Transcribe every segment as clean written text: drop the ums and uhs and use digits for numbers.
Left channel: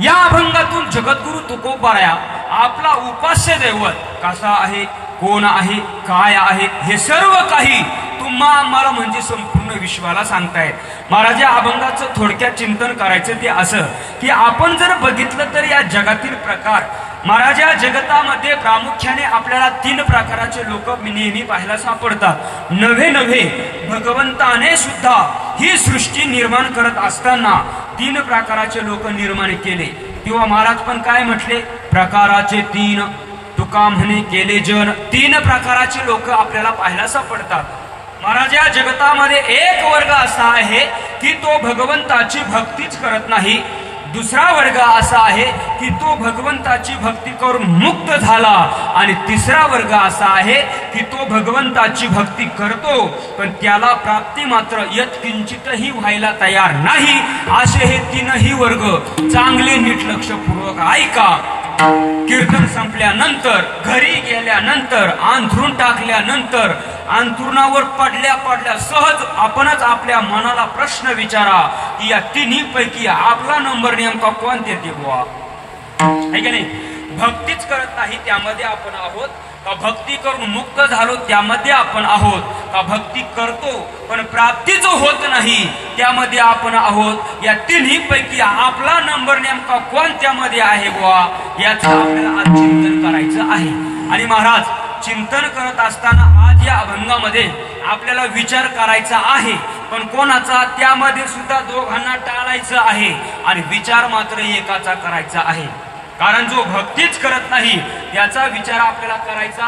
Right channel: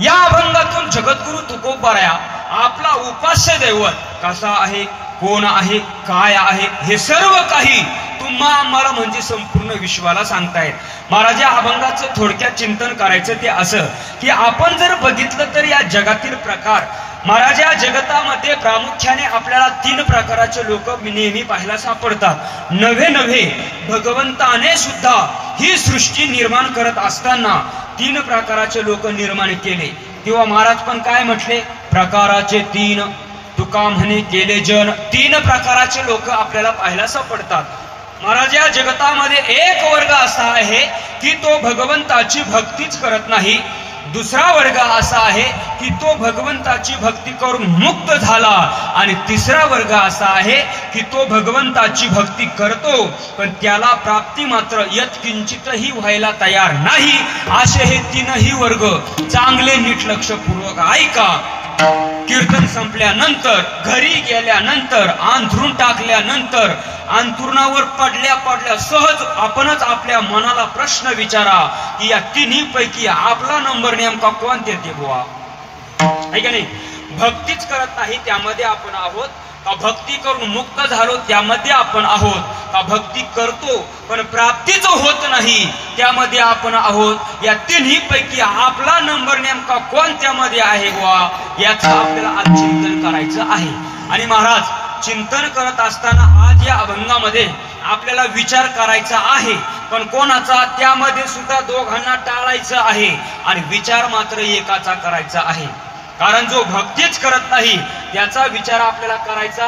या अभंगातून जगद्गुरु तुकोबाराया आपला उपास्य दैवत कसा आहे, कोण आहे, काय आहे हे सर्व काही तुम्हा आम्हाला म्हणजे संपूर्ण विश्वाला सांगताय। महाराज या अभंगाचं थोडक्यात चिंतन करायचं ते असं की आपण जर बघितलं तर या जगातील प्रकार महाराज या जगतामध्ये प्रामुख्याने आपल्याला 3 प्रकाराचे लोक नेहमी पाहायला सापडतात। नवे भगवंताने सुद्धा ही सृष्टी निर्माण करत असताना 3 प्रकाराचे लोक निर्माण केले। तेव्हा महाराज पण काय म्हटले, प्रकाराचे 3 तुका म्हणे केले जन। 3 प्रकाराचे लोक आपल्याला पाहायला सापडतात। महाराज या जगतामध्ये एक वर्ग असा आहे की तो भगवंताची भक्तीच करत नाही, दुसरा वर्ग असा आहे की तो भगवंताची भक्ती करून मुक्त झाला, आणि तिसरा वर्ग असा आहे की तो भगवंताची भक्ती करतो पण त्याला प्राप्ती मात्र यत्किंचितही व्हायला तयार नाही। असे हे 3ही वर्ग चांगले नीट लक्षपूर्वक ऐका। कीर्तन संपल्यानंतर घरी गेल्यानंतर अंथरून टाकल्यानंतर अंथरुणावर पडल्या सहज आपणच आपल्या मनाला प्रश्न विचारा की या 3ही पैकी आपला नंबर नेमका कोणत्या बुवा आहे का नाही। भक्तीच करत नाही त्यामध्ये आपण आहोत का भक्ती करून मुक्त झालो त्यामध्ये आपण आहोत, का भक्ती करतो पण प्राप्तीच होत नाही त्यामध्ये आपण आहोत। या 3ही पैकी आपला नंबर नेमका कोणत्यामध्ये आहे बुवा याचं आपल्याला आज चिंतन करायचं आहे। आणि महाराज चिंतन करत असताना आज या अभंगामध्ये आपल्याला विचार करायचा आहे, पण कोणाचा त्यामध्ये सुद्धा दोघांना टाळायचं आहे आणि विचार मात्र एकाचा करायचा आहे। कारण जो भक्तीच करत नाही त्याचा विचार आपल्याला करायचा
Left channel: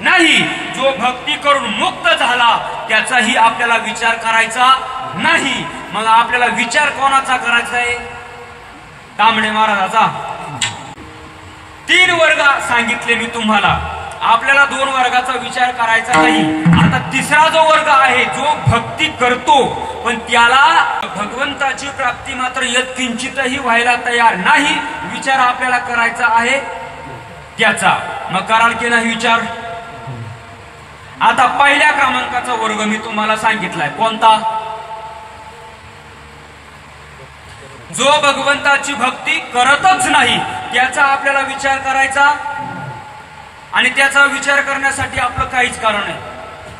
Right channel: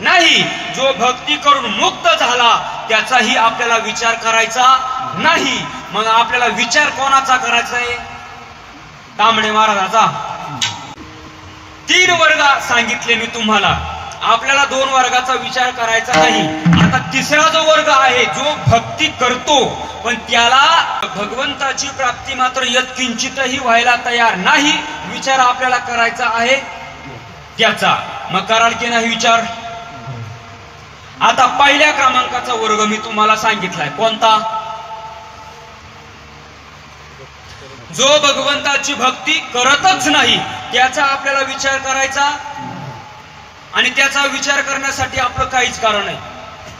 नाही, जो भक्ती करून मुक्त झाला त्याचाही आपल्याला विचार करायचा नाही। मग आपल्याला विचार कोणाचा करायचा आहे, तांबडे महाराजाचा। 3 वर्ग सांगितले मी तुम्हाला, आपल्याला 2 वर्गाचा विचार करायचा नाही। आता तिसरा जो वर्ग आहे जो भक्ती करतो पण त्याला भगवंताची प्राप्ती मात्र यत्किंचितही व्हायला तयार नाही, विचार आपल्याला करायचा आहे त्याचा। मग कराल की नाही विचार। आता पहिल्या क्रमांकाचा वर्ग मी तुम्हाला सांगितलाय कोणता, जो भगवंताची भक्ती करतच नाही त्याचा आपल्याला विचार करायचा, आणि त्याचा विचार करण्यासाठी आपलं काहीच कारण नाही,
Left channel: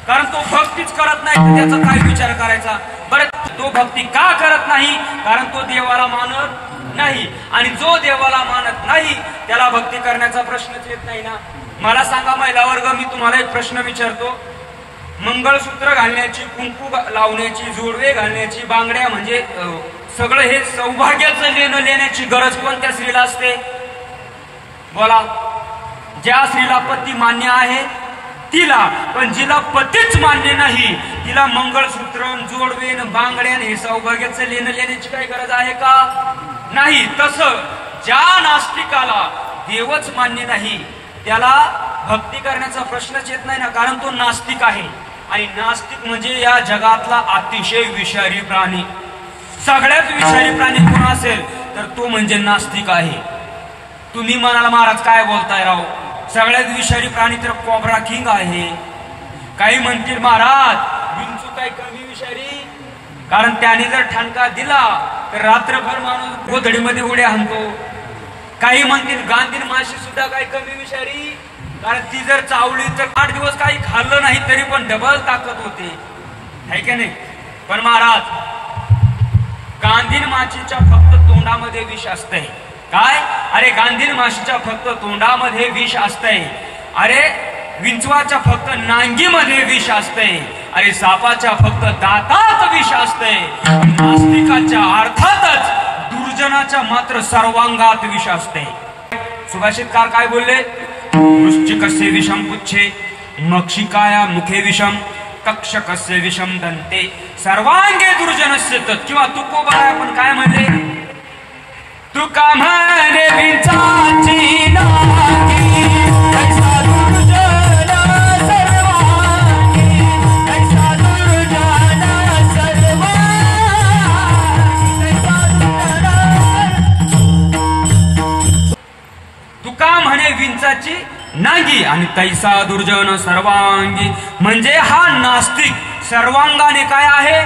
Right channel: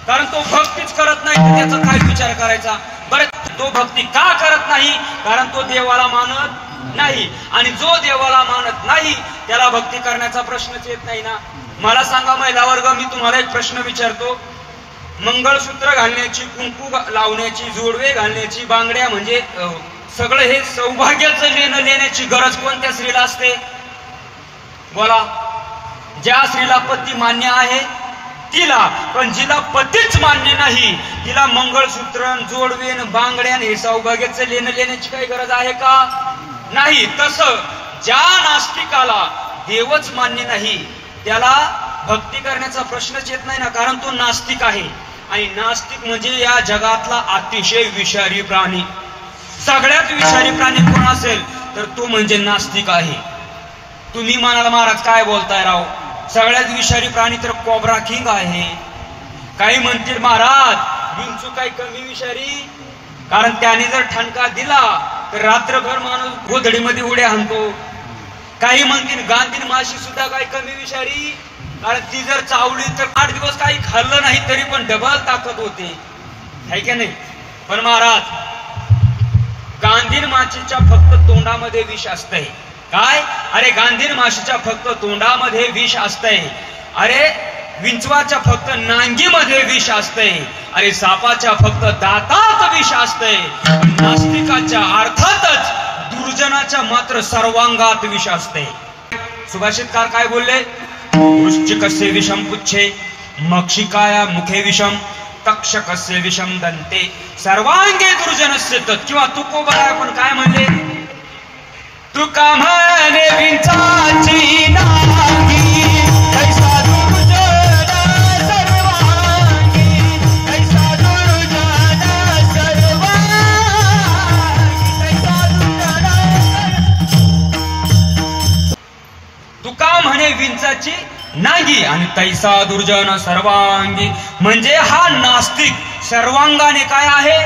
कारण तो भक्तीच करत नाही तर त्याचा काय विचार करायचा। बरं तो भक्ती का करत नाही, कारण तो देवाला मानत नाही, आणि जो देवाला मानत नाही त्याला भक्ती करण्याचा प्रश्नच येत नाही ना। मला सांगा महिला वर्ग, मी तुम्हाला एक प्रश्न विचारतो, मंगळसूत्र घालण्याची, कुंकू लावण्याची, जोडवे घालण्याची, बांगड्या म्हणजे सगळं हे सौभाग्याचं लेणं लेण्याची गरज कोणत्या स्त्रीला असते बोला। ज्या स्त्रीला पती मान्य आहे तिला, पण जिला पतीच मान्य नाही तिला मंगळसूत्र, जोडवे, बांगड्या हे सौभाग्याचं लेणं लेण्याची काही गरज आहे का, नाही। तसं ज्या नास्तिकाला देवच मान्य नाही त्याला भक्ती करण्याचा प्रश्नच येत नाही ना, कारण तो नास्तिक आहे। आणि नास्तिक म्हणजे या जगातला अतिशय विषारी प्राणी, सगळ्यात विषारी प्राणी कोण असेल तर तो म्हणजे नास्तिक आहे। तुम्ही म्हणाला महाराज काय बोलताय राव, सगळ्यात विषारी प्राणी तर कोब्रा किंग आहे। काही म्हणतील महाराज विंचू काय कमी विषारी, कारण त्याने जर ठणका दिला तर रात्रभर माणूस गोधडीमध्ये उड्या हाणतो। काही म्हणतील गांधीन माशी सुद्धा काही कमी विषारी, कारण ती जर चावली तर 8 दिवस काही खाल्लं नाही तरी पण डबल ताकद होते, है की नाही। पण महाराज गांधीन माशीच्या फक्त तोंडामध्ये विष असतंय, काय, अरे गांधीन माशीच्या फक्त तोंडामध्ये विष असतंय, अरे विंचवाच्या फक्त नांगीमध्ये विष असतंय, अरे सापाच्या फक्त दातात विष असतंय, नास्तिकाच्या अर्थातच दुर्जनाच्या मात्र सर्वांगात विष असते। सुभाषितकार काय बोलले, वृश्चिकस्य विषम पुच्छे, मक्षिकाया मुखे विषम, तक्षकस्य विषम दंते, सर्वांगे दुर्जनस्य तत्। किंवा तुकोबाराया आपण काय म्हणले, तुका म्हणे विंचाची नांगी, तैसा दुर्जन सर्वांगी, तैसा दुर्जन सर्वांगी, तुका म्हणे विंचाची नांगी आणि तैसा दुर्जन सर्वांगी, म्हणजे हा नास्तिक सर्वांगाने काय आहे,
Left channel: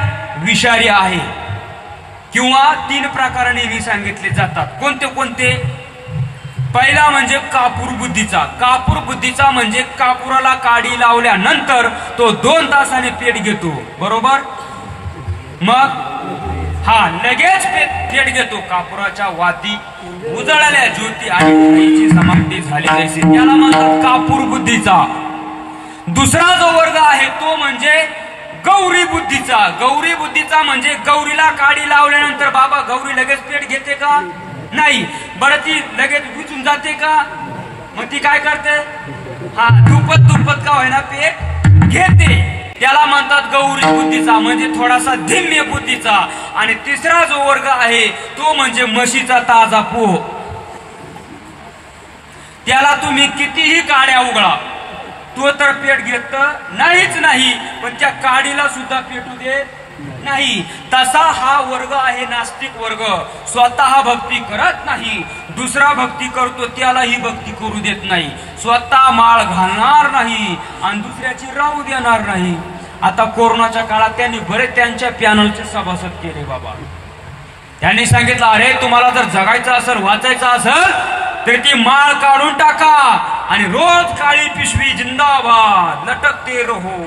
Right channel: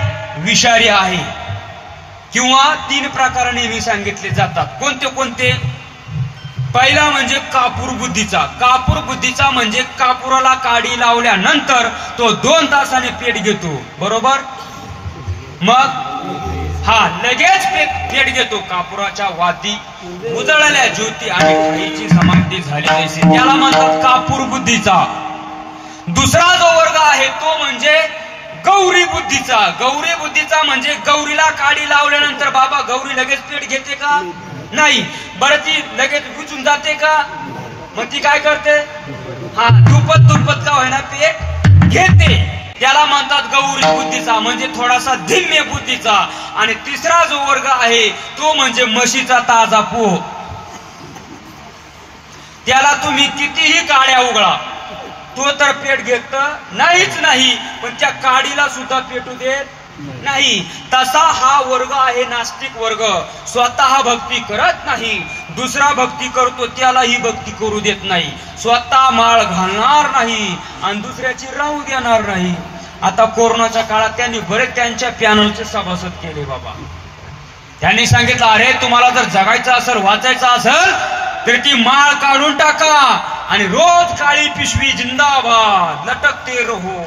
विषारी आहे। किंवा 3 प्रकाराने हे सांगितले जातात. कोणते कोणते? पहिला म्हणजे कापूर बुद्धीचा. कापूर बुद्धीचा म्हणजे कापुराला काडी लावल्यानंतर तो 2 तासाने पेट घेतो, बरोबर? मग लगेच पेट घेतो. कापुराच्या वाती उजळल्या ज्योती आणि खाईची समाप्ती झाली असे त्याला म्हणतात कापूर बुद्धीचा. दुसरा जो वर्ग आहे तो म्हणजे गौरी बुद्धीचा. गौरी बुद्धीचा म्हणजे गौरीला काडी लावल्यानंतर बाबा गौरी लगेच पेट घेते का? नाही. बरं ती लगेच बुजून जाते का? मग ती काय करते? दुप्पट का होईना पेट घेते. त्याला म्हणतात गौरी बुद्धीचा म्हणजे थोडासा धिम्य बुद्धीचा. आणि तिसरा जो वर्ग आहे तो म्हणजे म्हशीचा ताजा पोह. त्याला तुम्ही कितीही काड्या उघडा तो तर पेट घेत नाहीच नाही, पण त्या काडीला सुद्धा पेटू देत नाही. तसा हा वर्ग आहे नास्तिक वर्ग. स्वतः भक्ती करत नाही, दुसरा भक्ती करतो त्यालाही भक्ती करू देत नाही. स्वतः माळ घालणार नाही आणि दुसऱ्याची राहू देणार नाही. आता कोरोनाच्या काळात त्यांनी बरेच त्यांच्या पॅनलचे सभासद केले बाबा. त्यांनी सांगितलं अरे तुम्हाला जर जगायचं असेल, वाचायचं असेल तर ती माळ काढून टाका आणि रोज काळी पिशवी जिंदाबाद लटकती रहो.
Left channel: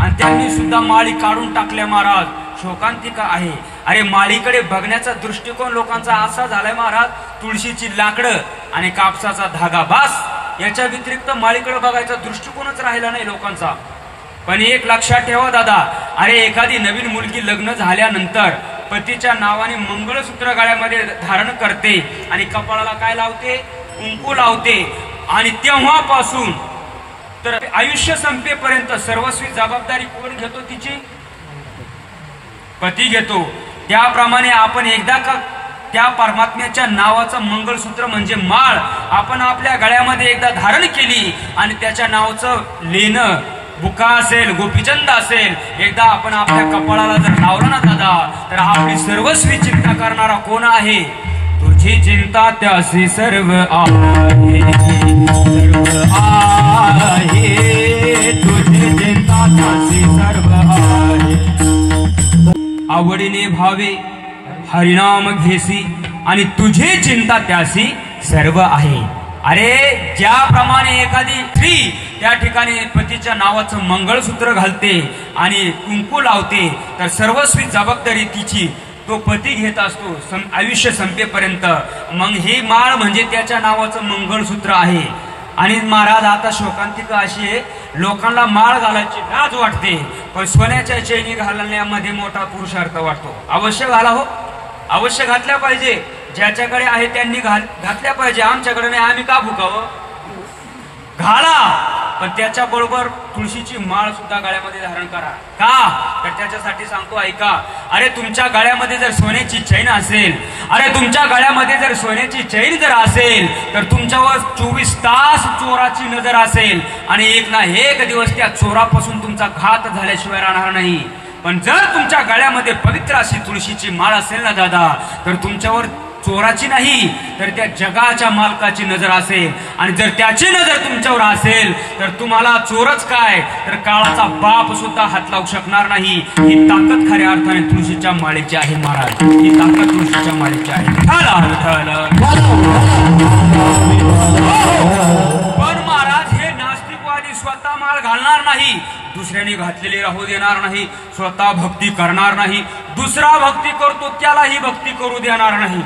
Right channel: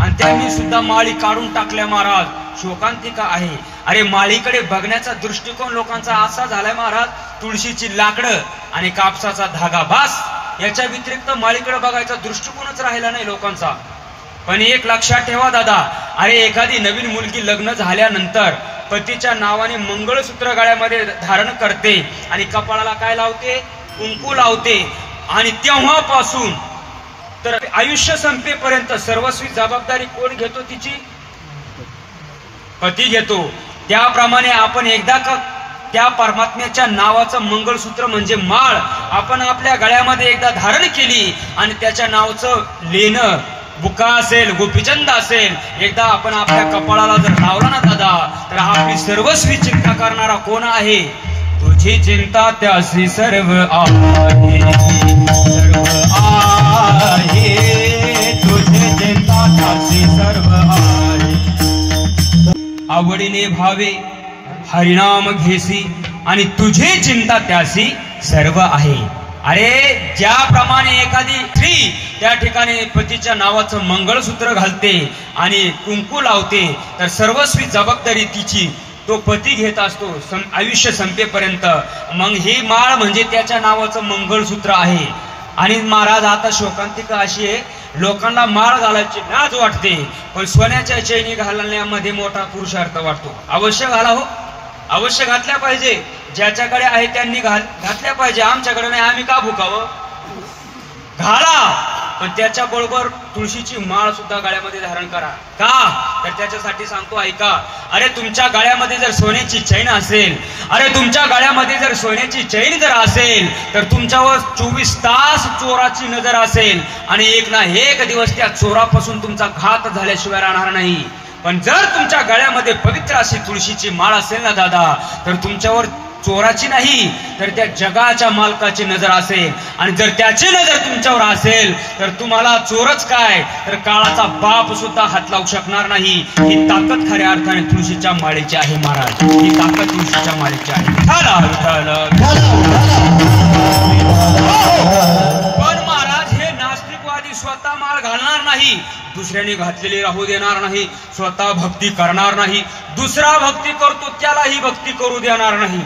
आणि त्यांनी सुद्धा माळी काढून टाकल्या महाराज. शोकांतिका आहे. अरे माळीकडे बघण्याचा दृष्टिकोन लोकांचा असा झालाय महाराज, तुळशीची लाकडं आणि कापसाचा धागा बास, याच्या व्यतिरिक्त माळीकडे बघायचा दृष्टिकोनच राहिला नाही लोकांचा. पण एक लक्षात ठेवा दादा, अरे एखादी नवीन मुलगी लग्न झाल्यानंतर पतीच्या नावाने मंगळसूत्र गळ्यामध्ये धारण करते आणि कपाळाला काय लावते? कुंकू लावते. आणि तेव्हापासून तर आयुष्य संपेपर्यंत सर्वस्वी जबाबदारी कोण घेतो? तिची पती घेतो. त्याप्रमाणे आपण एकदा का त्या परमात्म्याच्या नावाचं मंगळसूत्र म्हणजे माळ आपण आपल्या गळ्यामध्ये एकदा धारण केली आणि त्याच्या नावाचं लेणं बुका असेल, गोपीचंद असेल, एकदा आपण आपल्या कपाळाला जर लावलं ना दादा, तर आपली सर्वस्वी चिंता करणारा कोण आहे? तुझी चिंता त्याशी सर्व आहे, सर्व आहे, तुझी चिंता त्याशी सर्व आहे. आवडीने भावे हरिनाम घेसी आणि तुझी चिंता त्याशी सर्व आहे. अरे ज्याप्रमाणे एखादी स्त्री त्या ठिकाणी पतीच्या नावाचं मंगळसूत्र घालते आणि कुंकू लावते, तर सर्वस्वी जबाबदारी तिची तो पती घेत असतो आयुष्य संपेपर्यंत. मग ही माळ म्हणजे त्याच्या नावाचं मंगळसूत्र आहे. आणि महाराज आता शोकांतिका अशी आहे, लोकांना माळ घालायची लाज वाटते, पण सोन्याच्या चैनी घालण्यामध्ये मोठा पुरुषार्थ वाटतो. अवश्य घाला हो, अवश्य घातल्या पाहिजे. ज्याच्याकडे आहे त्यांनी घातल्या पाहिजे. आमच्याकडे नाही, आम्ही का भुकावं? घाला, पण त्याच्या बरोबर तुळशीची माळ सुद्धा गळ्यामध्ये धारण करा. का? तर त्याच्यासाठी सांगतो ऐका. अरे तुमच्या गळ्यामध्ये जर सोन्याची चैन असेल, अरे तुमच्या गळ्यामध्ये जर सोन्याची चैन जर असेल, तर तुमच्यावर 24 तास चोराची नजर असेल आणि एक ना एक दिवस त्या चोरापासून तुमचा घात झाल्याशिवाय राहणार नाही. पण जर तुमच्या गळ्यामध्ये पवित्र अशी तुळशीची माळ असेल ना दादा, तर तुमच्यावर चोराची नाही तर त्या जगाच्या मालकाची नजर असेल. आणि जर त्याची नजर तुमच्यावर असेल तर तुम्हाला चोरच काय तर काळाचा बाप सुद्धा हात लावू शकणार नाही. ही ताकद खऱ्या अर्थाने तुळशीच्या माळेची आहे महाराज. ही ताकद तुळशीच्या माळेची आहे. पण महाराज हे नास्तिकवादी स्वतः माळ घालणार नाही, दुसऱ्याने घातलेली राहू देणार नाही, स्वतः भक्ती करणार नाही, दुसरा भक्ती करतो त्यालाही भक्ती करू देणार नाही,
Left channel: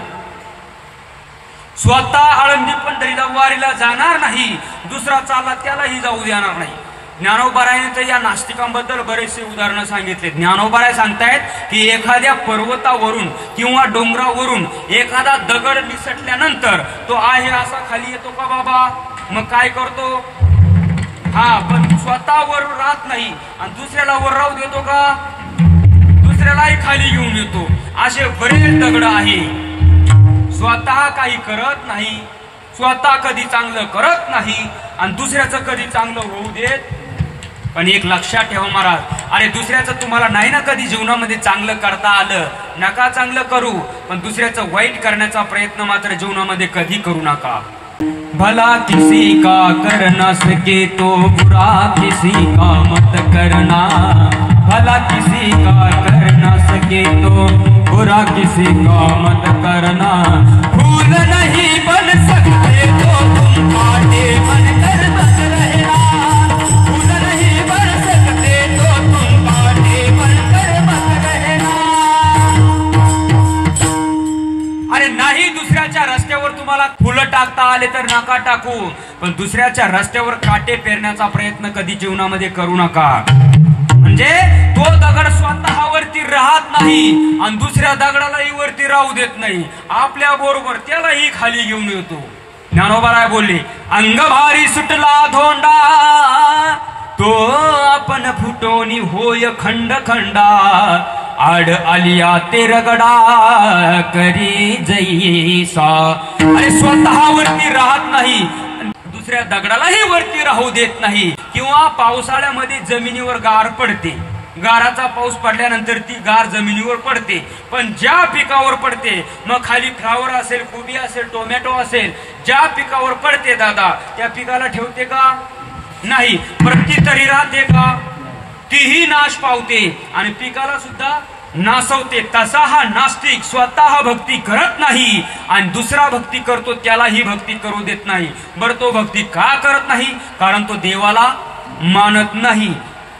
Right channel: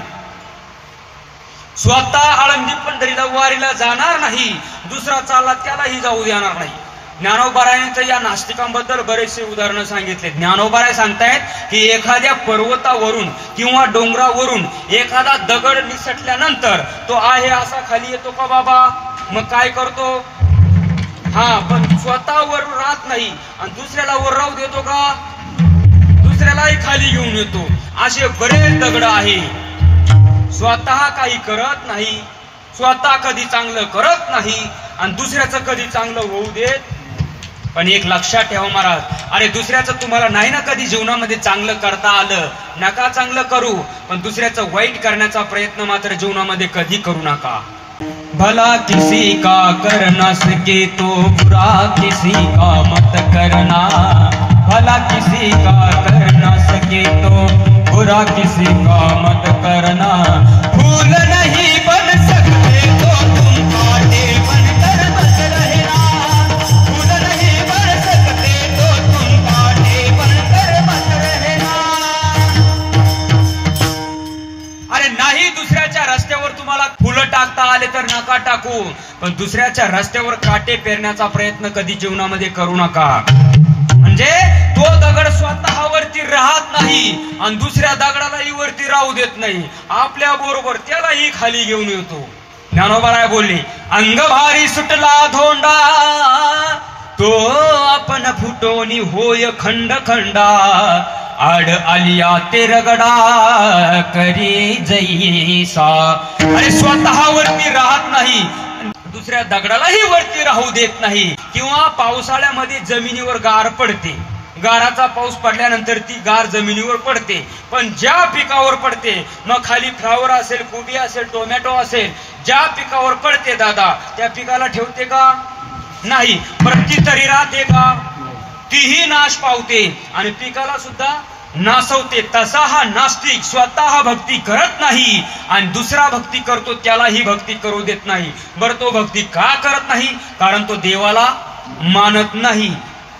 स्वतः आळंदी पंढरीला वारीला जाणार नाही, दुसरा चालला त्यालाही जाऊ देणार नाही. ज्ञानोबारायांनी तर या नास्तिकांबद्दल बरेचसे उदाहरणं सांगितले. ज्ञानोबाराय सांगतायत की एखाद्या पर्वतावरून किंवा डोंगरावरून एखादा दगड निसटल्यानंतर तो आहे असा खाली येतो का बाबा? मग काय करतो? पण स्वतःवर राहत नाही आणि दुसऱ्याला वर राहू देतो का? दुसऱ्यालाही खाली घेऊन येतो. असे बरेच दगड आहे. स्वतः काही करत नाही, स्वतः कधी चांगलं करत नाही आणि दुसऱ्याचं कधी चांगलं होऊ देत. पण एक लक्षात ठेवा महाराज, अरे दुसऱ्याचं तुम्हाला नाही ना कधी जीवनामध्ये चांगलं करता आलं, नका चांगलं करू, पण दुसऱ्याचं वाईट करण्याचा प्रयत्न मात्र जीवनामध्ये कधी करू नका. भला किसी का कर न सके तो बुरा किसी का मत करना, भला किसी का कर न सके तो बुरा किसी का मत करना, फूल नहीं बन सकते तो तुम कांटे बनकर बस रहना, फूल नहीं बन सकते तो तुम कांटे बनकर बस रहना। अरे नाही दुसऱ्याच्या रस्त्यावर तुम्हाला फुलं टाकता आले तर नका टाकू, पण दुसऱ्याच्या रस्त्यावर काटे पेरण्याचा प्रयत्न कधी जीवनामध्ये करू नका। म्हणजे तो दगड स्वतःवरती राहत नाही आणि दुसऱ्या दगडालाही वरती राहू देत नाही, आपल्या बरोबर त्यालाही खाली घेऊन येतो। ज्ञानोबा बोलले, अंग भारी सुटला धोंडा तो आपण फुटोनी होय खंड खंडा, आड आलिया ते रगडा करी जैसा। अरे स्वतःवरती राहत नाही, दुसऱ्या दगडालाही वरती राहू देत नाही। किंवा पावसाळ्यामध्ये जमिनीवर गार पडते, गाराचा पाऊस पडल्यानंतर ती गार जमिनीवर पडते, पण ज्या पिकावर पडते, मग खाली फ्लावर असेल, कोबी असेल, टोमॅटो असेल, ज्या पिकावर पडते दादा त्या पिकाला ठेवते का? नाही। पण ती तरी राहते का? तीही नाश पावते आणि पिकाला सुद्धा नासवते। तसा हा नास्तिक स्वतः भक्ती करत नाही आणि दुसरा भक्ती करतो त्यालाही भक्ती करू देत नाही। बरं तो भक्ती का करत नाही? कारण तो देवाला मानत नाही।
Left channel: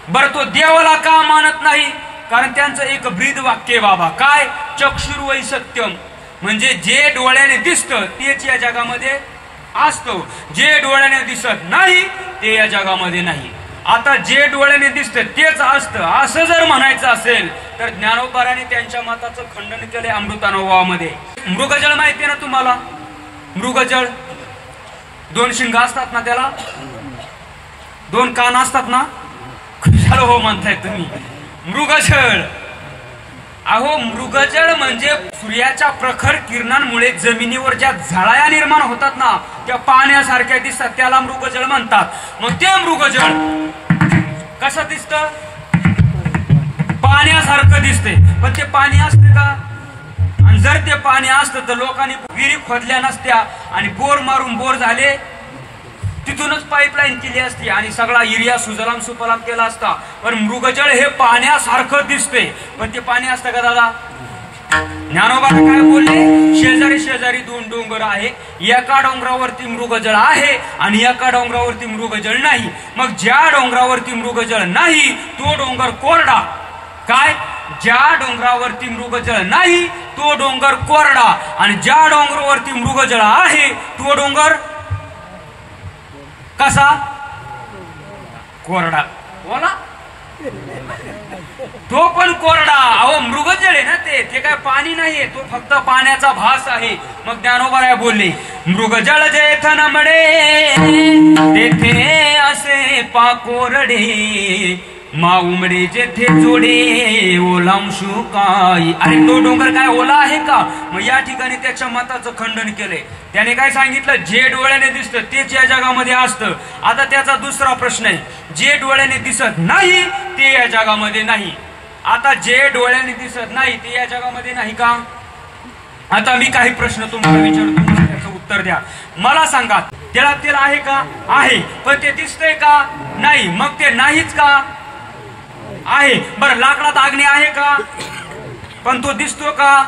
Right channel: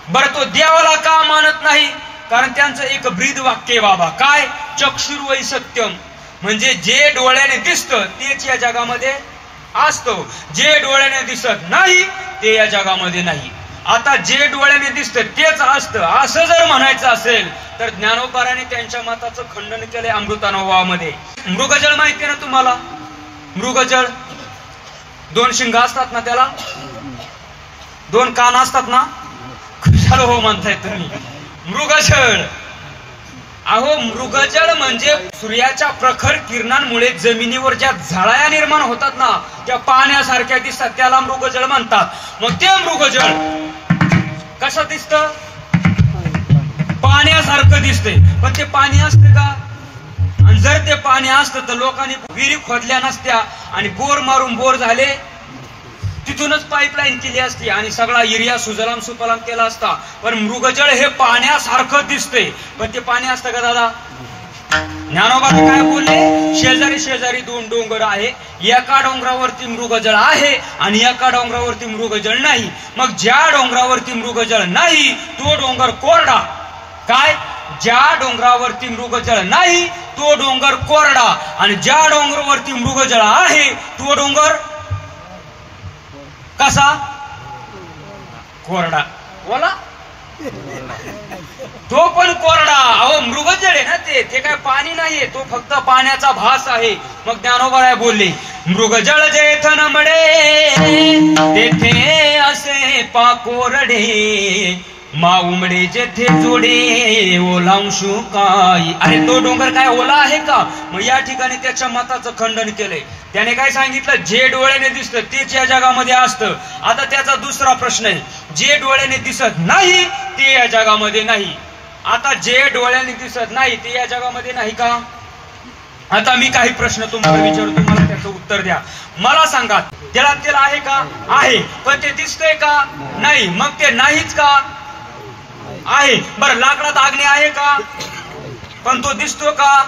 बरं तो देवाला का मानत नाही? कारण त्यांचं एक ब्रीद वाक्य बाबा, काय? चक्षुर्वै सत्यम, म्हणजे जे डोळ्याने दिसतं तेच या जगामध्ये असतं, जे डोळ्याने दिसत नाही ते या जगामध्ये नाही। आता जे डोळ्याने दिसतं तेच असतं असं जर म्हणायचं असेल तर ज्ञानोबाराने त्यांच्या मताचं खंडन केले अमृतानुभवामध्ये। मृगजळ माहिती ना तुम्हाला? मृगजळ दोन शिंग असतात ना, त्याला दोन कान असतात ना, खुशाल हो म्हणताय तुम्ही। मृगजळ, अहो मृगजळ म्हणजे सूर्याच्या प्रखर किरणांमुळे जमिनीवर ज्या झळाया निर्माण होतात ना त्या पाण्यासारख्या दिसतात, त्याला मृगजळ म्हणतात। मग ते मृगजळ कसं दिसतं? पाण्यासारखं दिसते, पण ते पाणी असते का? आणि जर ते पाणी असतं तर लोकांनी विहिरी खोदल्या नसत्या आणि बोर मारून बोर झाले, तिथूनच पाईपलाईन केली असती आणि सगळा एरिया सुजलाम सुफलाम केला असता। पण मृगजळ हे पाण्यासारखं दिसते, पण ते पाणी असतं का दादा? ज्ञानोबा काय बोलले? शेजारी शेजारी दोन डोंगर आहे, एका डोंगरावरती मृगजळ आहे आणि एका डोंगरावरती मृगजळ नाही। मग ज्या डोंगरावरती मृगजळ नाही तो डोंगर कोरडा। काय? ज्या डोंगरावरती मृगजळ नाही तो डोंगर कोरडा आणि ज्या डोंगरावरती मृगजळ आहे तो डोंगर कसा? कोरडा। बोला, तो पण कोरडा। अहो मृगजळ आहे ना ते काय पाणी नाहीये, तो फक्त पाण्याचा भास आहे। मग ज्ञानोबा बोलले, मृगजळ जेथन मडे तेथे असे पाकोरडे, मा उमडे जेथे जोडे ओलांशू काय। अरे तो डोंगर काय ओला आहे का? मग या ठिकाणी त्याच्या मताचं खंडन केलंय। त्याने काय सांगितलं? जे डोळ्याने दिसतं तेच या जगामध्ये असतं। आता त्याचा दुसरा प्रश्न आहे, जे डोळ्याने दिसत नाही ते या जगामध्ये नाही। आता जे डोळ्याने दिसत नाही ते या जगामध्ये नाही का? आता मी काही प्रश्न तुम्हाला विचारतो, मला त्याचं उत्तर द्या। मला सांगा, त्याला तेल आहे का? आहे, पण ते दिसतंय का? नाही, मग ते नाहीच का? आहे। बरं लाकडात अग्नी आहे का? पण तो दिसतो का?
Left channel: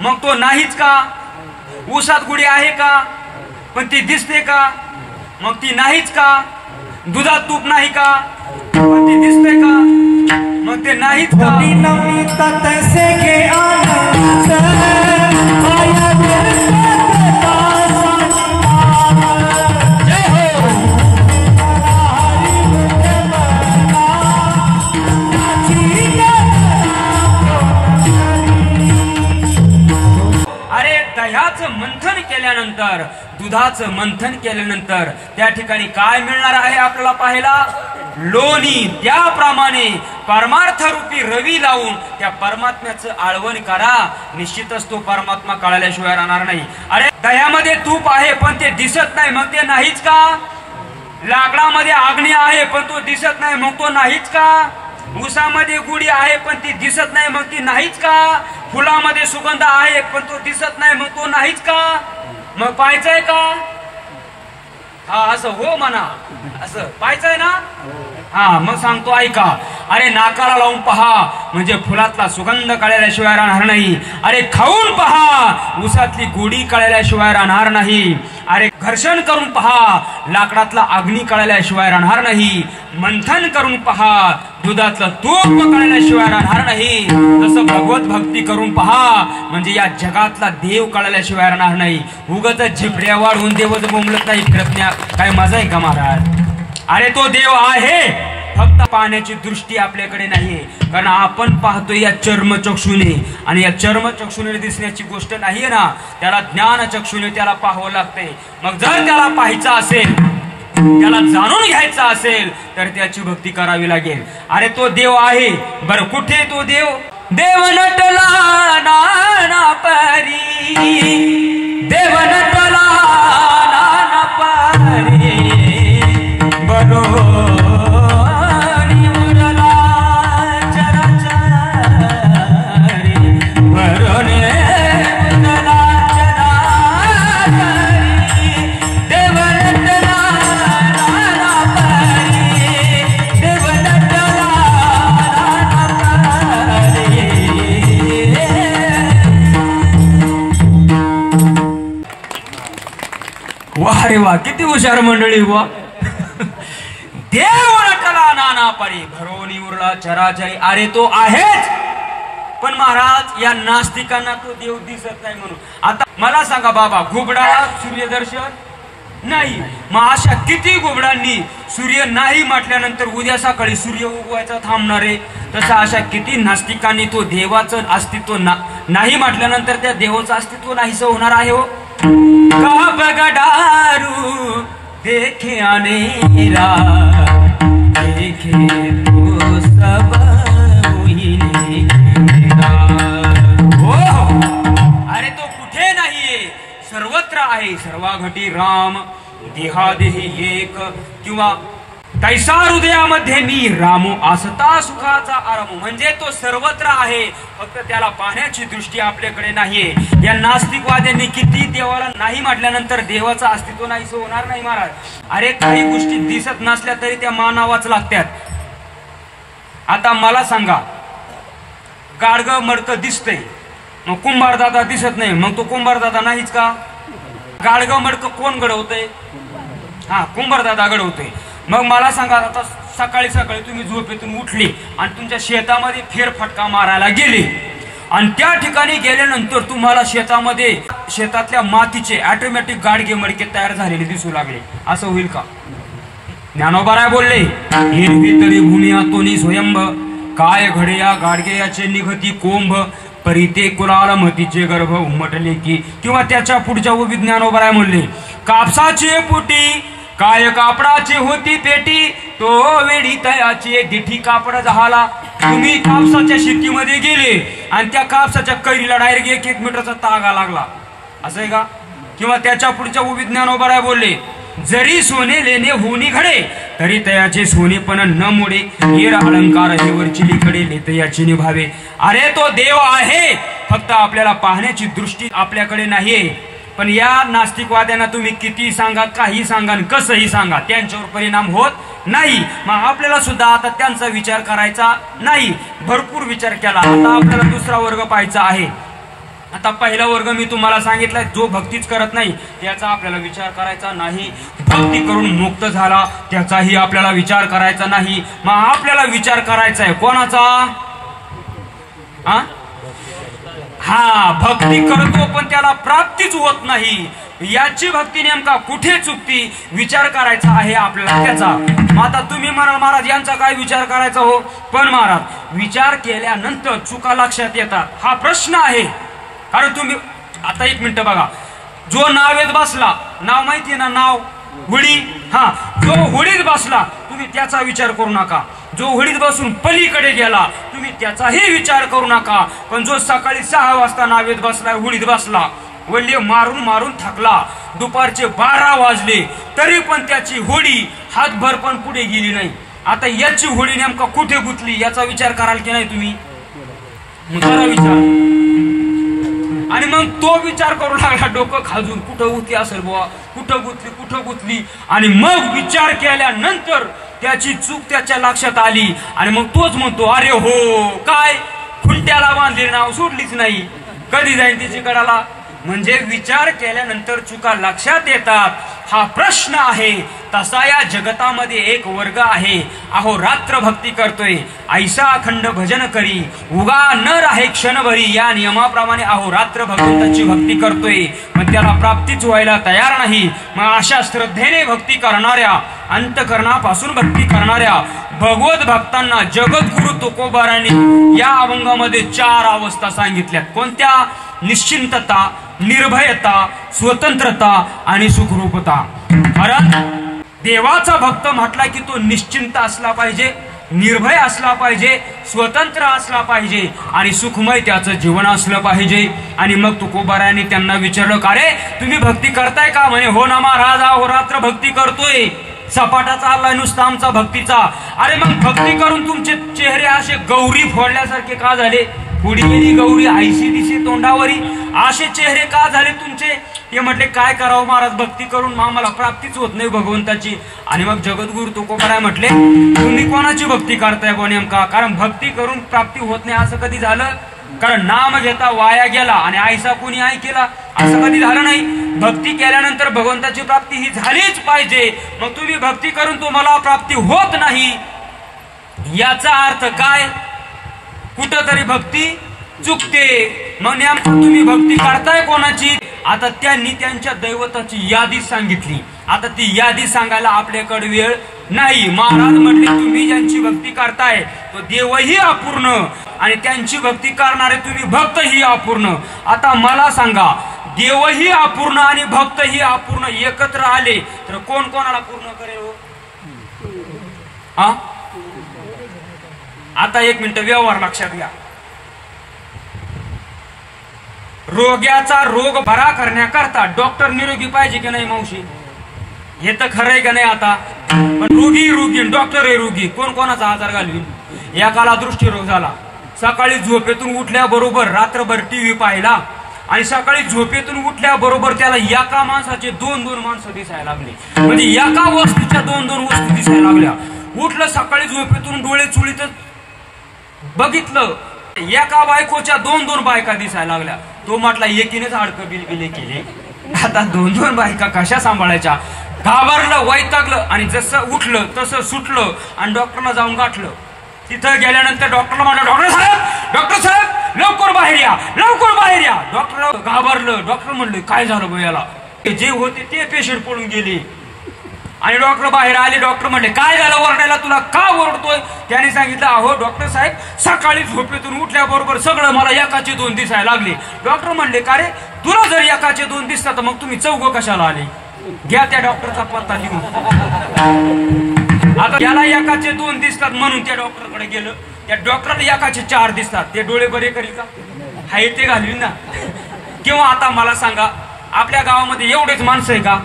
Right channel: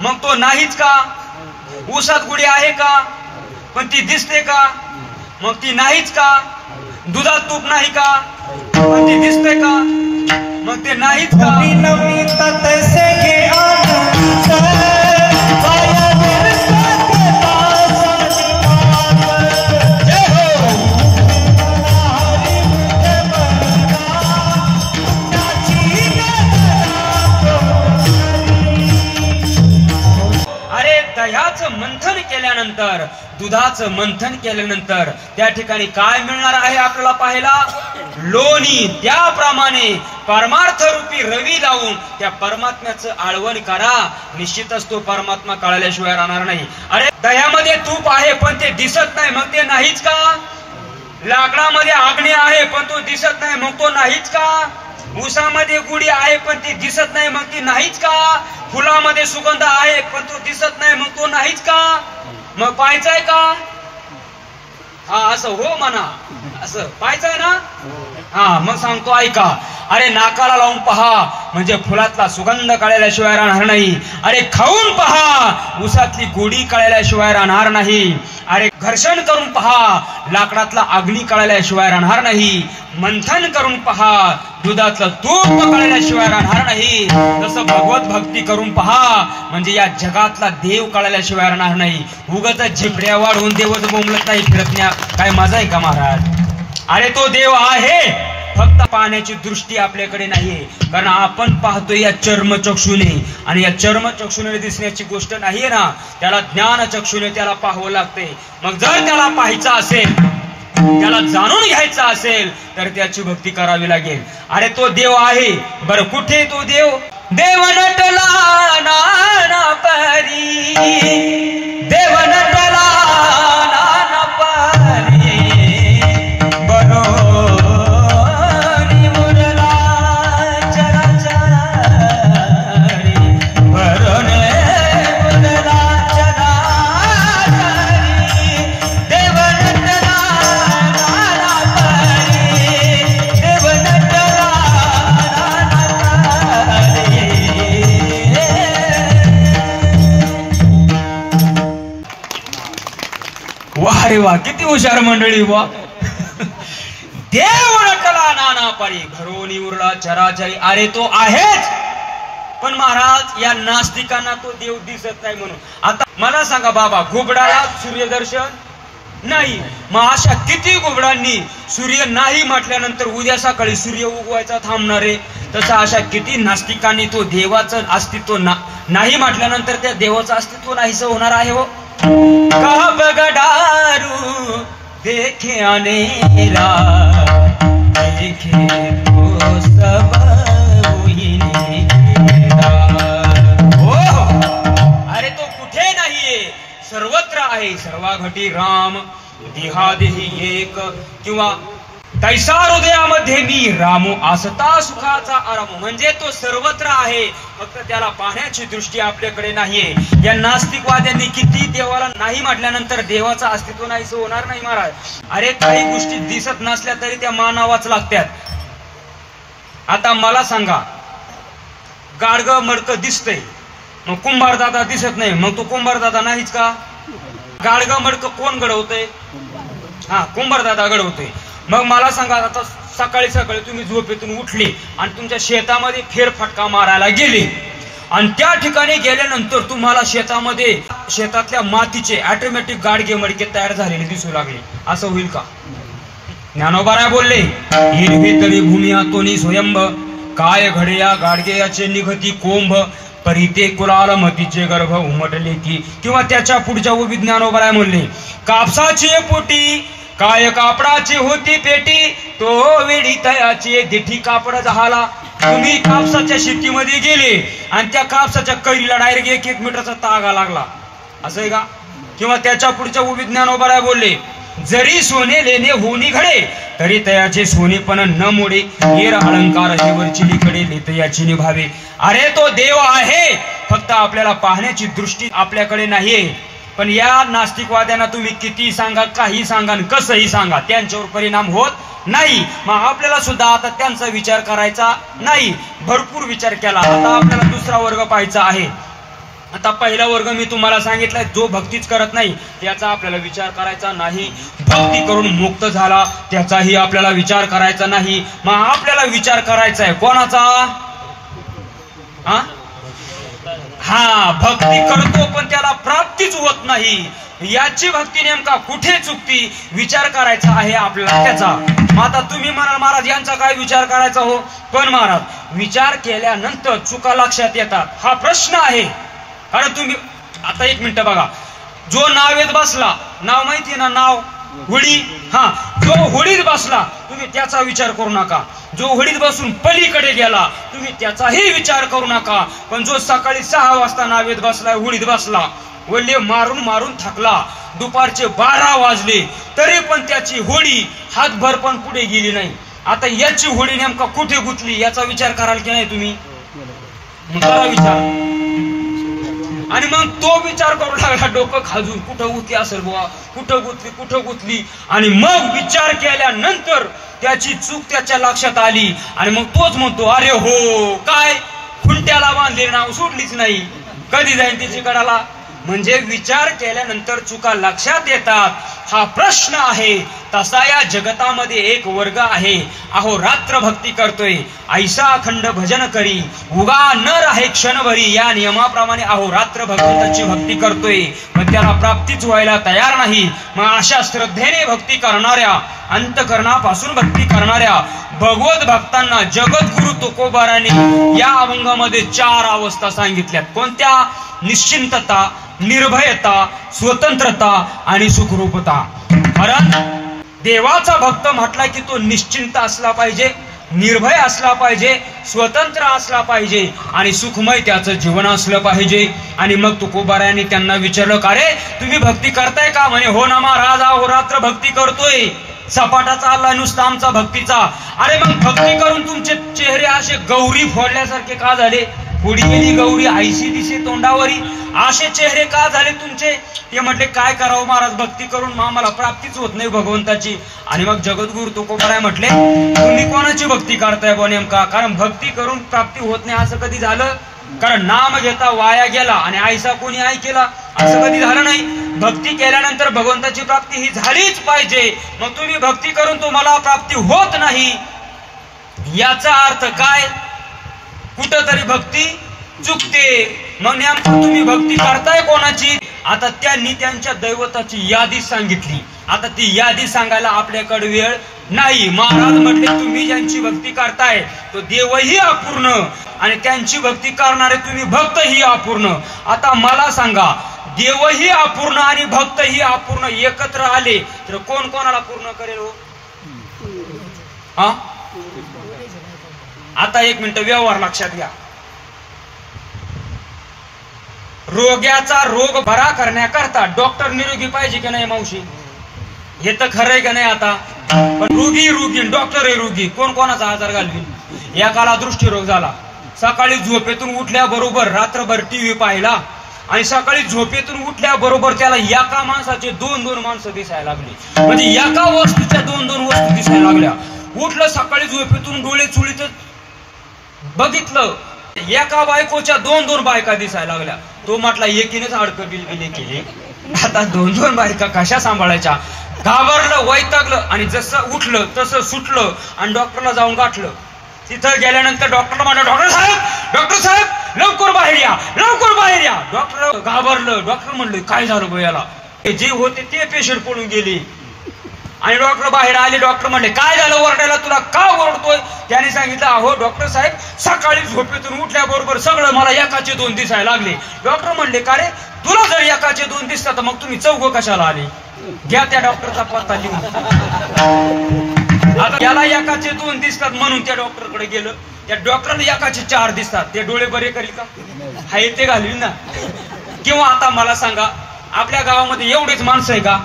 मग तो नाहीच का? ऊसात गुढी आहे का? पण ती दिसते का? मग ती नाहीच का? दुधात तूप नाही का? पण ती दिसते का? मग ते नाहीच का? मंथन केल्यानंतर, दुधाचं मंथन केल्यानंतर त्या ठिकाणी काय मिळणार आहे आपल्याला पाहायला? लोणी। त्याप्रमाणे परमार्थ रूपी रवी लावून त्या परमात्म्याचं आळवण करा, निश्चितच तो परमात्मा कळल्याशिवाय राहणार नाही। अरे दह्यामध्ये तूप आहे पण ते दिसत नाही, मग ते नाहीच का? लाकडामध्ये अग्नी आहे पण तो दिसत नाही, मग तो नाहीच का? ऊसामध्ये गुढी आहे पण ती दिसत नाही, मग ती नाहीच का? फुलामध्ये सुगंध आहे पण तो दिसत नाही, मग तो नाहीच का? मग पाहायचंय का? हा असं हो म्हणा, असं पाहायचंय ना. हा मग सांगतो ऐका. अरे नाकाला लावून पहा म्हणजे फुलातला सुगंध कळल्याशिवाय राहणार नाही. अरे खाऊन पहा उसातली गोडी कळल्याशिवाय राहणार नाही. अरे घर्षण करून पहा लाकडातला अग्नी कळल्याशिवाय राहणार नाही. मंथन करून पहा दुधातलं तूप कळल्याशिवाय राहणार नाही. तसं भगवत भक्ती करून पहा म्हणजे या जगातला देव कळल्याशिवाय राहणार नाही. उगत झिपड्या वाढवून देवच बोंबलत नाही फिरकण्या काय मजा आहे का महाराज. अरे तो देव आहे फक्त पाहण्याची दृष्टी आपल्याकडे नाहीये. कारण आपण पाहतोय या चर्मचक्षुने आणि या चर्मचक्षुने दिसण्याची गोष्ट नाहीये ना. त्याला ज्ञानचक्षुने त्याला पाहावं लागते. मग जर त्याला पाहायचं असेल त्याला जाणून घ्यायचं असेल तर त्याची भक्ती करावी लागेल. अरे तो देव आहे बरं कुठे तो देव. देव नटला नाना परी देव नटला नाना परी बरो वा किती हुशार मंडळी वा. देव नटला नाना परी भरोनी उरला चराचरी. अरे तो आहेच पण महाराज या नास्तिकांना तो देव दिसत नाही म्हणून. आता मला सांगा बाबा घुबडाला सूर्यदर्शन नाही. मग अशा किती घुबडांनी सूर्य नाही म्हटल्यानंतर उद्या सकाळी सूर्य उगवायचा थांबणार आहे. तसं अशा किती नास्तिकांनी तो देवाचं अस्तित्व नाही म्हटल्यानंतर त्या देवाचं अस्तित्व नाहीस होणार आहे. हो का बगडारू देखे अनेरा देखे तो सब अरे तो कुठे नाहीये सर्वत्र आहे. सर्वाघटी राम देहादेही एक किंवा तैसा हृदयामध्ये मी रामो आसता सुखाचा आराम. म्हणजे तो सर्वत्र आहे फक्त त्याला पाहण्याची दृष्टी आपल्याकडे नाहीये. या नास्तिकवाद्यांनी किती देवाला नाही म्हटल्यानंतर देवाचं अस्तित्व नाही होणार नाही महाराज. अरे काही गोष्टी दिसत नसल्या तरी त्या मानावाच लागतात. आता मला सांगा गाडग मडक दिसतंय मग कुंभारदादा दिसत नाही मग तो कुंभारदादा नाहीच का. गाडग मडक कोण घडवतंय. हा कुंभारदादा घडवतोय. मग मला सांगा आता सकाळी सकाळी तुम्ही झोपेतून उठली आणि तुमच्या शेतामध्ये फेरफटका मारायला गेली आणि त्या ठिकाणी गेल्यानंतर तुम्हाला शेतातल्या मातीचे ऑटोमॅटिक गाडगे मडके तयार झालेले दिसू लागले. असं होईल का. ज्ञानोबा बोलले हिरवी तरी भूमियातोनी स्वयंभ काय घडया गाडगे याचे निघती कोंभ परिते कुलाल मतीचे गर्भ उमटले की. किंवा त्याच्या पुढच्या उभी ज्ञानोबा म्हणले कापसाची पोटी काय कापडाची होती पेटी तो वेडी तयाची दिठी कापड झाला. तुम्ही कापसाच्या शेतीमध्ये गेले आणि त्या कापसाच्या कैरीला डायरेक्ट 1-1 मीटरचा तागा लागला असं आहे का. किंवा त्याच्या पुढच्या उभी ज्ञानोबा बोलले जरी सोने लेणे होनी घडे तरी तयाचे सोनेपण न मोडे येर अलंकार हेवरची लिकडे नेते याची निभावे. अरे तो देव आहे फक्त आपल्याला पाहण्याची दृष्टी आपल्याकडे नाहीये. पण या नास्तिकवाद्यांना तुम्ही किती सांगा काही सांगा कसंही सांगा त्यांच्यावर परिणाम होत नाही. मग आपल्याला सुद्धा आता त्यांचा विचार करायचा नाही. भरपूर विचार केला. आता आपल्याला दुसरा वर्ग पाहायचा आहे. आता पहिला वर्ग मी तुम्हाला सांगितलाय जो भक्तीच करत नाही त्याचा आपल्याला विचार करायचा नाही. भक्ती करून मुक्त झाला त्याचाही आपल्याला विचार करायचा नाही. मग आपल्याला विचार करायचा आहे कोणाचा. हा भक्ती करतो पण त्याला प्राप्तीच होत नाही. याची भक्ती नेमका कुठे चुकती विचार करायचा आहे आपल्याला त्याचा. आता तुम्ही म्हणाल महाराज यांचा काय विचार करायचा हो. पण महाराज विचार केल्यानंतर चुका लक्षात येतात हा प्रश्न आहे. कारण तुम्ही आता 1 मिनिट बघा जो नावेत बसला नाव माहितीये ना नाव होळी. हा जो होळीत बसला तुम्ही त्याचा विचार करू नका. जो होळीत बसून पलीकडे गेला तुम्ही त्याचाही विचार करू नका. पण जो सकाळी 6 वाजता नावेत बसला होळीत बसला वल्ले मारून मारून थकला दुपारचे 12 वाजले तरी पण त्याची होळी हातभर पण पुढे गेली नाही. आता याची होळी नेमका कुठे गुंतली याचा विचार कराल की नाही तुम्ही. मग करा विचार. आणि मग तो विचार करू लागला डोकं खाजून, कुठं गुतली असेल बुवा, कुठं गुतली आणि मग विचार केल्यानंतर त्याची चूक त्याच्या लक्षात आली आणि मग तोच म्हणतो, अरे हो काय खुंट्याला बांधले नाव सोडलीच नाही, कधी जाईल तिची कडाला. म्हणजे विचार केल्यानंतर चुका लक्षात येतात, हा प्रश्न आहे. तसा या जगतामध्ये एक वर्ग आहे, अहो रात्र भक्ती करतोय, ऐसा अखंड भजन करी, उगा न राहे क्षणभरी, या नियमाप्रमाणे अहो रात्र भगवंताची भक्ती करतोय, पण त्याला प्राप्तीच व्हायला तयार नाही. मग अशा श्रद्धेने भक्ती करणाऱ्या, अंतकरणापासून भक्ती करणाऱ्या भगवत भक्तांना जगद्गुरु तुकोबारायांनी या अभंगामध्ये 4 अवस्था सांगितल्यात. कोणत्या? निश्चिंतता, निर्भयता, स्वतंत्रता आणि सुखरूपता. कारण देवाचा भक्त म्हटला की तो निश्चिंत असला पाहिजे, निर्भय असला पाहिजे, स्वतंत्र असला पाहिजे आणि सुखमय त्याचं जीवन असलं पाहिजे. आणि मग तुकोबारायांनी त्यांना विचारलं, का रे तुम्ही भक्ती करताय का? म्हणे हो ना महाराज, अहोरात्र भक्ती करतोय, सपाटा चाललाय नुसता आमचा भक्तीचा. अरे मग भक्ती करून तुमचे चेहरे असे गौरी फोडल्यासारखे का झाले? पुढी गेली गौरी आयशी दिसे तोंडावरी, असे चेहरे का झाले तुमचे? ते म्हटले काय करावं महाराज, भक्ती करून आम्हाला प्राप्तीच होत नाही भगवंताची. आणि मग जगद्गुरु तुकोबाराय म्हटले, तुम्ही कोणाची भक्ती करताय बो नेमका? कारण भक्ती करून प्राप्ती होत नाही असं कधी झालं? कारण नाम घेता वाया गेला आणि आयसा कोणी ऐकेला असं कधी झालं नाही. भक्ती केल्यानंतर भगवंताची प्राप्ती ही झालीच पाहिजे. मग तुम्ही भक्ती करून तुम्हाला प्राप्ती होत नाही, याचा अर्थ काय? कुठंतरी भक्ती चुकते. मग नेमकं तुम्ही भक्ती करताय कोणाची? आता त्यांनी त्यांच्या दैवताची यादी सांगितली. आता ती यादी सांगायला आपल्याकडे वेळ नाही. महाराज म्हटले, तुम्ही ज्यांची भक्ती करताय तो देवही अपूर्ण आणि त्यांची भक्ती करणारे तुम्ही भक्तही अपूर्ण. आता मला सांगा, देवही अपूर्ण आणि भक्तही अपूर्ण एकत्र आले तर कोण कोणाला पूर्ण करेल हो? आता एक मिनिट व्यवहार लक्षात घ्या. रोग्याचा रोग बरा करण्याकरता डॉक्टर निरोगी पाहिजे की नाही मावशी? हे तर खरं आहे का नाही? आता पण रोगी डॉक्टर आहे रोगी, कोण कोणाचा आजार घालवी? एकाला दृष्टीरोग झाला, सकाळी झोपेतून उठल्याबरोबर रात्रभर टीव्ही पाहिला आणि सकाळी झोपेतून उठल्याबरोबर त्याला एका माणसाचे 2-2 माणसं दिसायला लागली. म्हणजे एका वस्तीच्या 2-2 वस्तू दिसायला लागल्या. उठलं सकाळी झोपेतून, डोळे चुळीत बघितलं, एका बायकोच्या 2-2 बायका दिसायला लागल्या. तो म्हटला एकीनेच अडकं गेले की आता 2-2 बायका कशा सांभाळायच्या? घाबरलं, वैतागलं आणि जसं उठलं तसं सुटलं आणि डॉक्टरला जाऊन गाठलं. तिथं गेल्यानंतर डॉक्टरला म्हटलं, डॉक्टर साहेब लवकर बाहेर या, लवकर बाहेर या. डॉक्टर घाबरलं. डॉक्टर म्हणले, काय झालं बघ याला? जे होते ते पेशंट पळून गेले आणि डॉक्टर बाहेर आले. डॉक्टर म्हणले, काय झालं ओरडायला, तुला का ओरडतोय? त्याने सांगितलं, अहो डॉक्टर साहेब, सकाळी झोपेतून उठल्याबरोबर सगळं मला एकाचे 2 दिसायला लागले. डॉक्टर म्हणले, का रे तुला जर एकाचे 2 दिसतात तर मग तुम्ही चौघ कशाला आले? घ्या त्या डॉक्टरचा पत्ता लिहून. आता याला एकाचे 2 दिसतात म्हणून त्या डॉक्टरकडे गेलं. त्या डॉक्टरला एकाचे 4 दिसतात. ते डोळे बरे करी का? हाय ते घालवी ना. किंवा आता मला सांगा, आपल्या गावामध्ये एवढेच माणसं आहे का?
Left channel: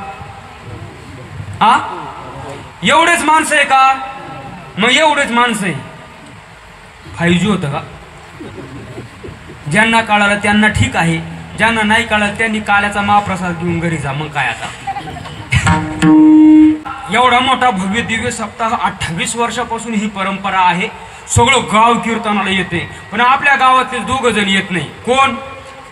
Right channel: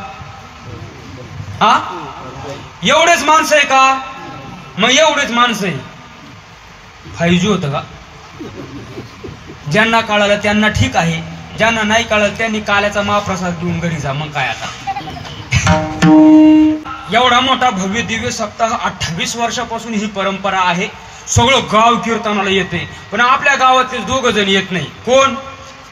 एवढेच माणसं आहे का? मग एवढेच माणसं आहे 5G होतं का? ज्यांना कळालं त्यांना ठीक आहे, ज्यांना नाही कळालं त्यांनी काल्याचा महाप्रसाद घेऊन घरी जा. मग काय आता? एवढा मोठा भव्य दिव्य सप्ताह 28 वर्षापासून ही परंपरा आहे. सगळं गाव कीर्तनाला येते, पण आपल्या गावातले 2 जण येत नाही. कोण?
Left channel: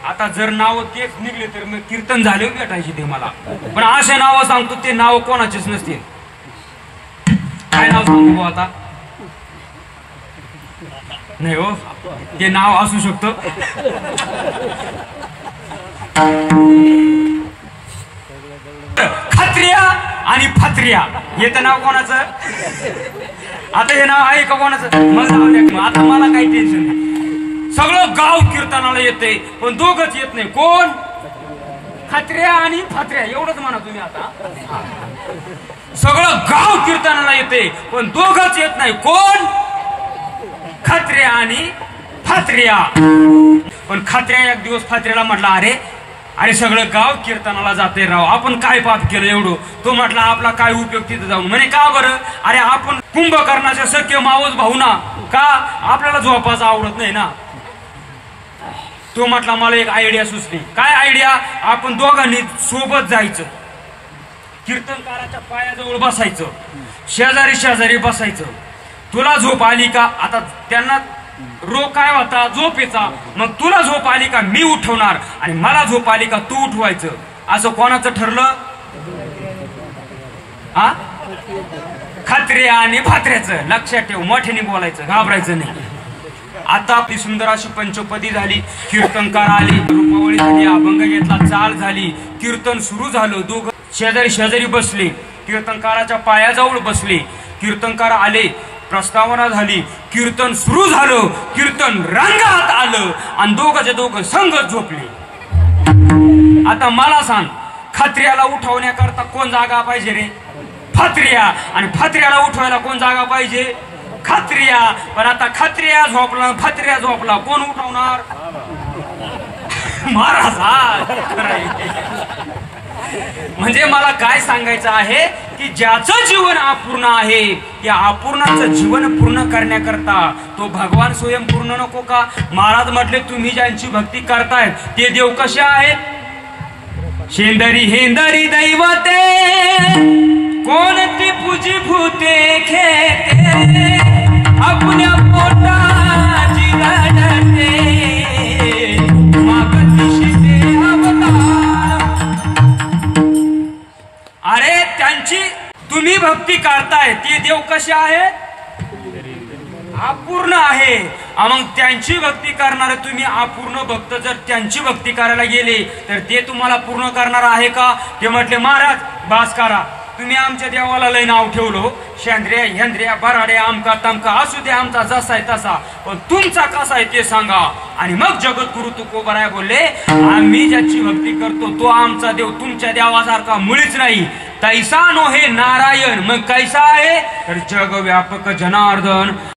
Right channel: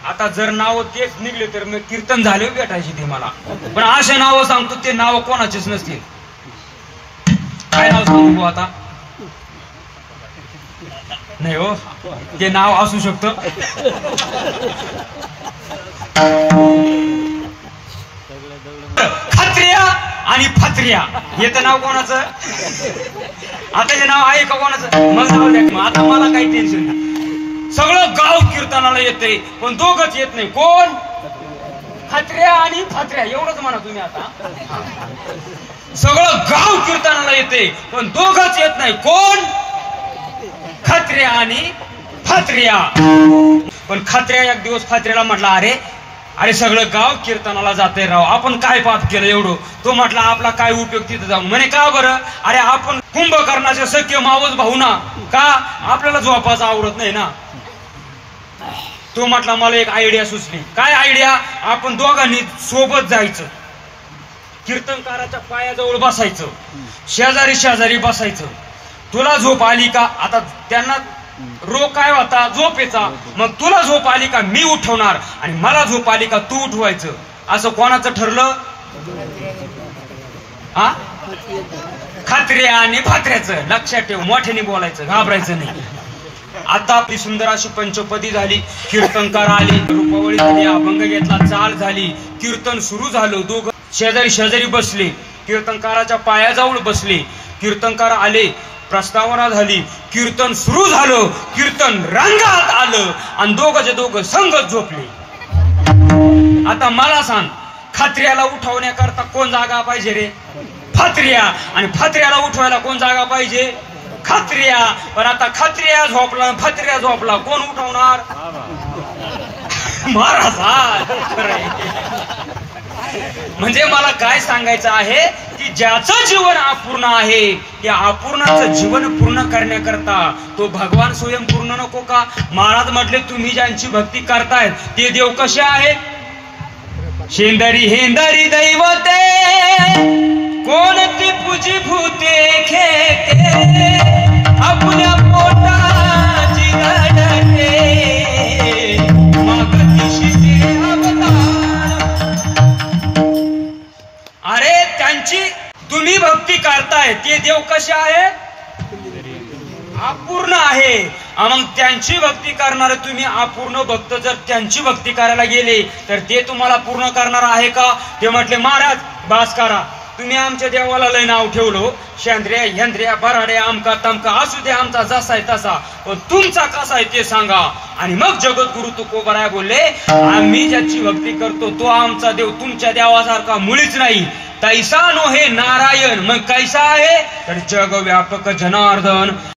आता जर नाव तेच निघले तर मग कीर्तन झाले भेटायचे ते मला. पण असे नाव सांगतो ते नाव कोणाचेच नसते. काय नाव सांगू आता? नाही हो, ते नाव असू शकतं. खात्रिया आणि फात्रिया हे तर नाव कोणाचं? आता हे नाव आहे का कोणाचं? मग नाव द्या. आता मला काही टेन्शन नाही. सगळं गाव कीर्तनाला येते पण 2घच येत नाही. कोण? खात्रिया आणि फात्रिया. एवढंच म्हणा तुम्ही. आता सगळं गाव कीर्तनाला येते पण 2घच येत नाही. कोण? खात्रिया आणि फात्रिया. पण खात्रिया एक दिवस फात्रियाला म्हटला, अरे सगळं गाव कीर्तनाला जाते राव, आपण काय पाप केलं एवढं? तो म्हटला, आपला काय उपयोग तिथं जाऊन? म्हणे का बरं? अरे आपण कुंभकर्णाचे सख्य मावस भाऊ ना, का आपल्याला झोपायचं आवडत नाही ना? तो म्हटला मला एक आयडिया सुचली. काय आयडिया? आपण दोघांनी सोबत जायचं, कीर्तनकाराच्या पायाजवळ बसायचं, शेजारी शेजारी बसायचं. तुला झोप आली का? आता त्यांना रोग काय होता? झोपेचा. मग तुला झोप आली का मी उठवणार, आणि मला झोप आली का तू उठवायचं. असं कोणाचं ठरलं? हा, खात्र्या आणि फात्र्याचं. लक्षात ठेव, मोठ्याने बोलायचं, घाबरायचं नाही. आता आपली सुंदर अशी पंचपदी झाली, कीर्तनकार आले, रूपावळी झाली, अभंग घेतला, चाल झाली, कीर्तन सुरू झालं. दोघं शेजारी शेजारी बसले, कीर्तनकाराच्या पायाजवळ बसले. कीर्तनकार आले, प्रस्तावना झाली, कीर्तन सुरू झालं, कीर्तन रंगात आलं, आणि दोघंचे दोघं संगत झोपले. आता मला सांग, खात्र्याला उठवण्याकरता कोण जागा पाहिजे रे? फात्र्या. आणि फात्र्याला उठवायला कोण जागा पाहिजे? खात्र्या. पण आता खात्र्या झोपला, फात्र्या झोपला, कोण उठवणार? महाराज. म्हणजे मला काय सांगायचं आहे की ज्याचं जीवन अपूर्ण आहे, या अपूर्णाचं जीवन पूर्ण करण्याकरता तो भगवान स्वयं पूर्ण नको का? महाराज म्हटले तुम्ही ज्यांची भक्ती करताय ते देव कसे आहेत? शेंदरी हेंदरी दैवते कोणती पूजी भूते खेते, आपल्या पोटाची गडते मागतीशी अवतार. अरे त्यांची तुम्ही भक्ती करताय ते देव कसे आहेत? अपूर्ण आहे. मग त्यांची भक्ती करणारे तुम्ही अपूर्ण भक्त जर त्यांची भक्ती करायला गेले तर ते तुम्हाला पूर्ण करणार आहे का? ते म्हटले महाराज बास करा, तुम्ही आमच्या देवाला लय नाव ठेवलो, शेंद्र्या हेंद्र्या बराड्या आमका तमका, असू दे आमचा जसा आहे तसा, पण तुमचा कसा आहे ते सांगा. आणि मग जगद्गुरु तुकोबाराय बोलले, आम्ही ज्याची भक्ती करतो तो आमचा देव तुमच्या देवासारखा मुळीच नाही. तैसा नो हे नारायण. मग कैसा आहे? तर जगव्यापक जनार्दन.